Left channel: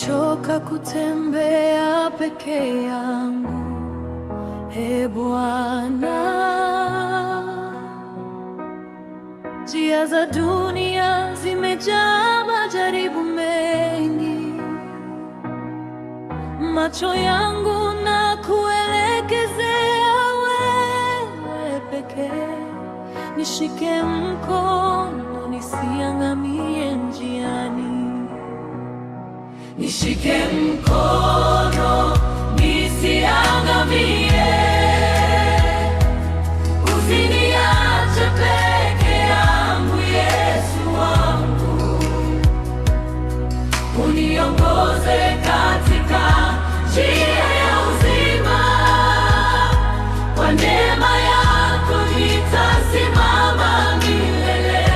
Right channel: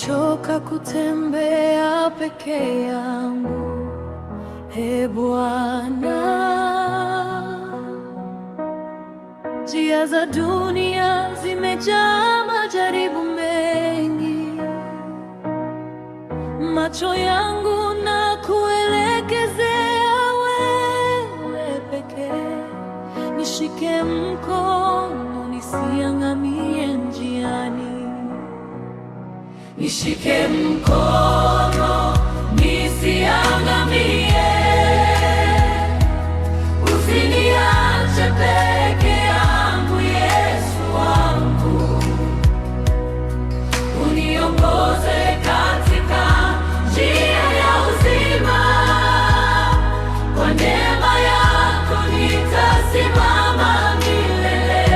nimechoka kutembea peke yangu. Ee Bwana, njia za dunia zimejaa majaribu mengi. Macho yangu na kuelekezea wewe pekee. Nishike mkono nisiangamie njiani. Nishike mkono nisiangamie. Usiniache peke yangu, Yesu wangu. Uniongoze katika njia ya uzima. Kwa neema yako nitasimama milele.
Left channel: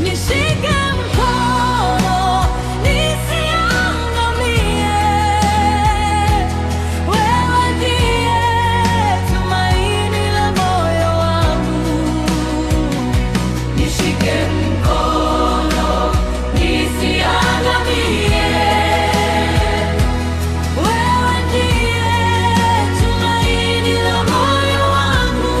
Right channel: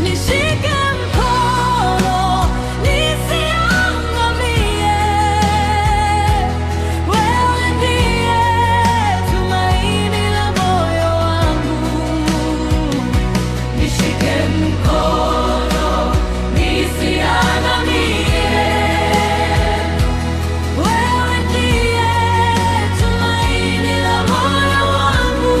Nishike mkono nisiangamie. Wewe ndiye tumaini la moyo wangu. Nishike mkono nisiangamie. Wewe ndiye tumaini la moyo wangu.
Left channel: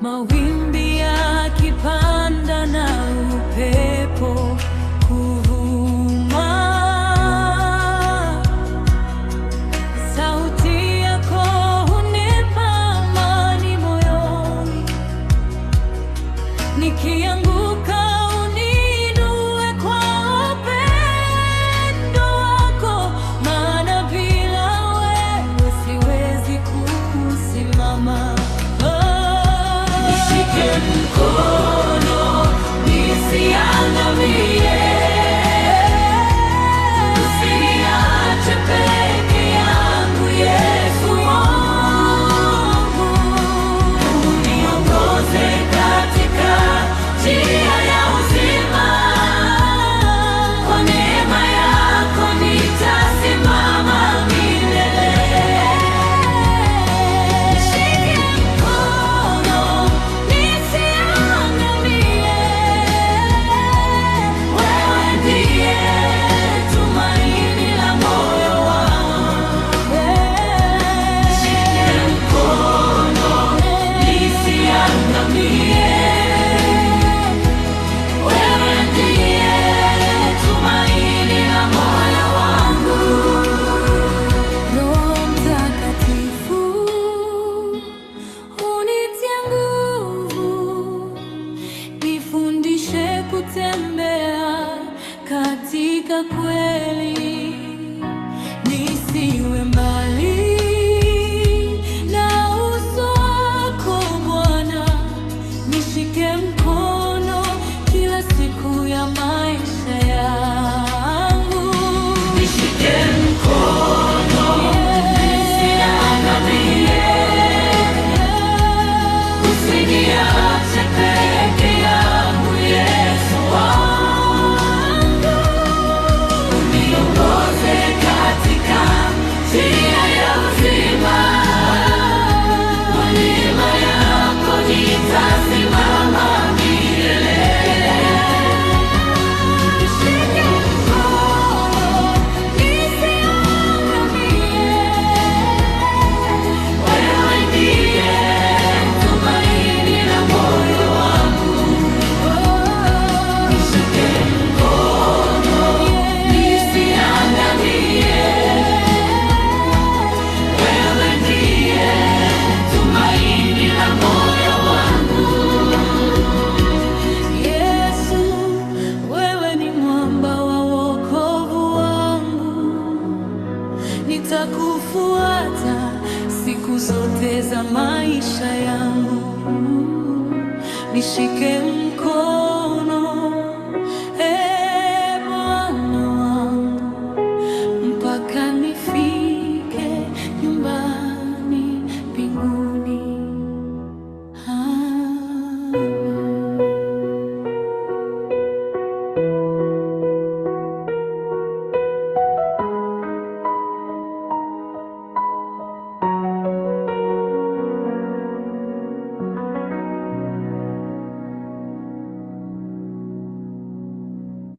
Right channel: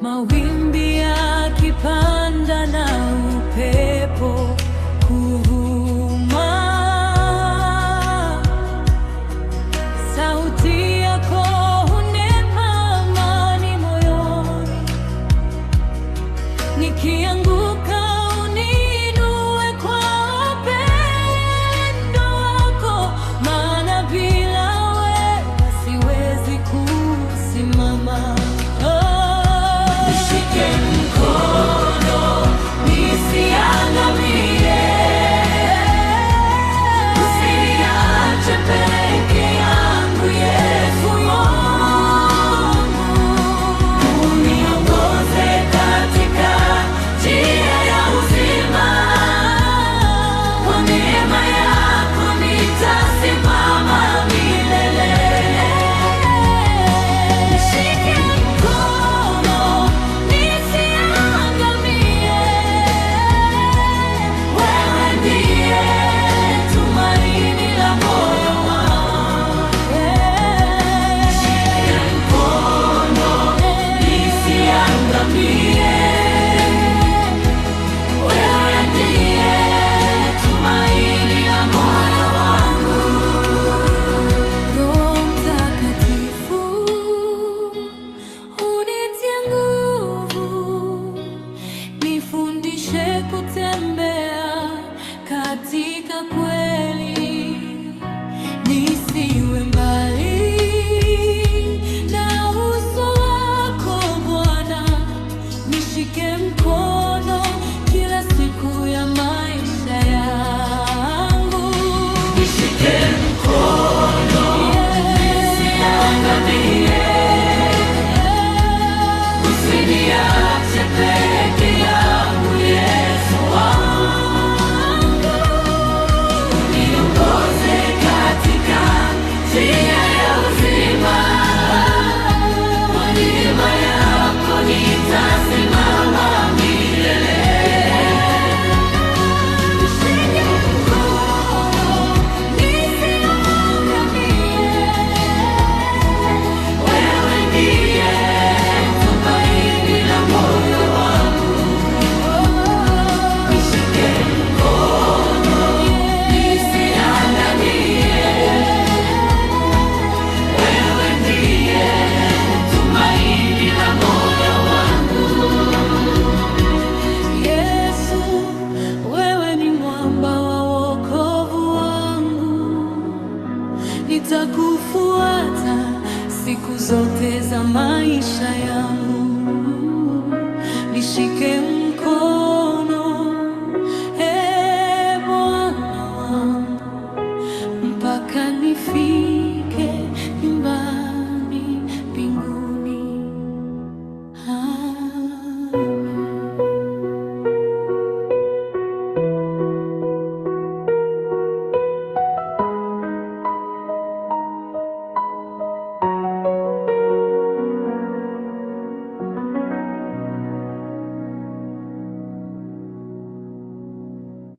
Mawimbi yakipanda na upepo kuvuma, sauti yako hunipa amani moyoni. Nikianguka uniinue kwa upendo wako, maana bila wewe siwezi kusimama. Nishike mkono nisiangamie. Usiniache peke yangu, Yesu wangu. Uniongoze katika njia ya uzima. Kwa neema yako nitasimama milele. Nishike mkono nisiangamie. Wewe ndiye tumaini la moyo wangu. Nishike mkono nisiangamie. Wewe ndiye tumaini la moyo wangu. Roho Mtakatifu unitie nguvu, nifundishe kutembea katika kweli. Nisiwe mbali na uso wako Bwana. Nishike mkono kila siku ya maisha yangu. Nishike mkono nisiangamie. Usiniache peke yangu, Yesu wangu. Uniongoze katika njia ya uzima. Kwa neema yako nitasimama milele. Nishike mkono nisiangamie. Wewe ndiye tumaini la moyo wangu. Nishike mkono nisiangamie. Wewe ndiye tumaini la moyo wangu. Yesu, wewe ni mwamba wa wokovu wangu. Nitakufuata siku zote za maisha yangu. Nishike mkono, Ee Bwana wangu, mpaka nifike nyumbani mbinguni.